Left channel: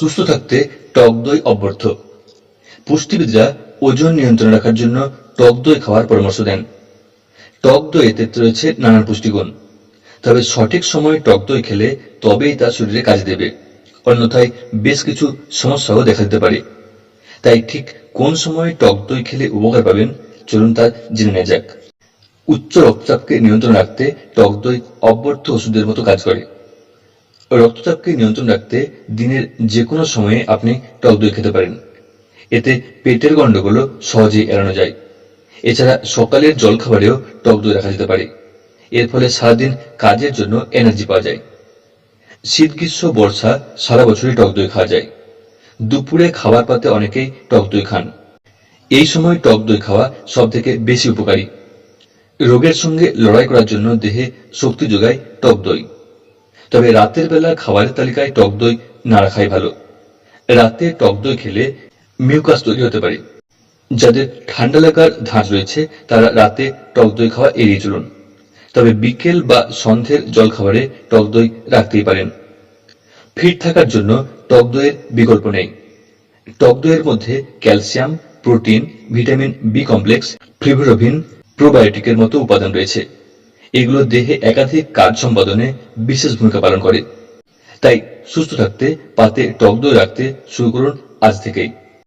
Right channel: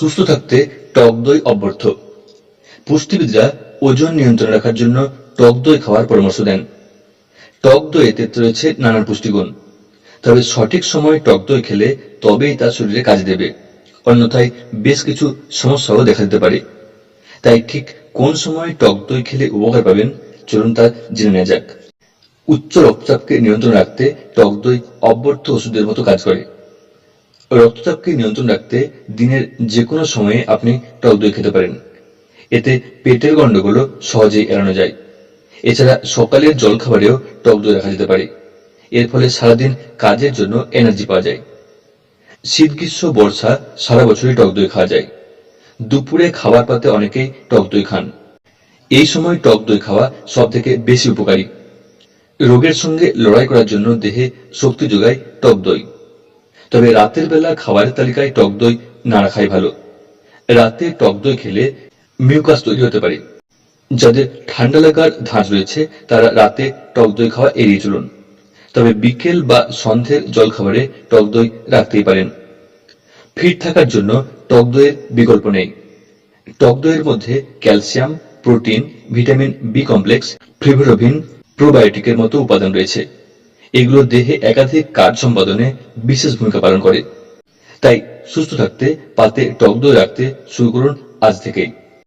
সুস্থ থাকতে টক দই অব্যর্থ। পুষ্টিবিদরা ওজন নিয়ন্ত্রণে রাখার জন্য টক দই খাওয়ার পরামর্শ দেন। টক দইতে রয়েছে নানান পুষ্টিগুণ। তবে সঠিক সময়ে টক দই খেলে তবেই তা শরীরে কাজে দেবে। অন্যথায় বেশ কিছু সমস্যাও দেখা দিতে পারে। তাই ঠিক কোন সময় টক দই খেলে উপকার পাবেন, চলুন তা জেনে নেওয়া যাক। উচ্চ রক্তচাপকে নিয়ন্ত্রণ রাখতে টক দই অব্যর্থ ওষুধের মতো কাজ করে। রক্তচাপকে নিয়ন্ত্রণ রাখতে দিনের যে কোনো সময়ে আপনি টক দই খেতে পারেন। এতে পেটের গন্ডগোলও সহজেই এড়ানো যায়। এছাড়া সকালের জলখাবারেও টক দই রাখা যেতে পারে। এর ফলে সারাদিন কাজের জন্য এনার্জি পাওয়া যায়। শীত, গ্রীষ্ম, বর্ষা সারা বছরই টক দই খাওয়া যায়। দুপুরে খাবার পাতে অনেকেই টক দই খান। এই সময় টক দই খাওয়া সব থেকে বেশি উপকারী। রোগের সঙ্গে লড়াই করার জন্য দেহে শক্তি যোগায় টক দই। তবে রাতের বেলা খাবারের তালিকায় টক দই না রাখাই ভালো। রাতে টক দই খেলে মিউকাস তৈরি হতে পারে। যাদের ঠান্ডা লাগার ধাঁচ রয়েছে, তারা রাতে টক দই খাওয়া এড়িয়ে চলুন। তবে বিকেল বা সন্ধ্যের জলখাবারে টক দই রাখতেই পারেন। ফিট থাকার জন্য টক দইয়ের বিকল্প নেই। টক দইয়ের মধ্যে calcium, protein, vitamin B complex ফ্রিভোরোভিন প্রোবায়োটিকের মতো উপাদান রয়েছে। এগুলো দেহে একাধিক কাজ সম্পাদনে বিশেষ ভূমিকা পালন করে। তাই সুস্থ থাকতে, পাতে টক দই রাখতে শুরু করুন আজ থেকেই।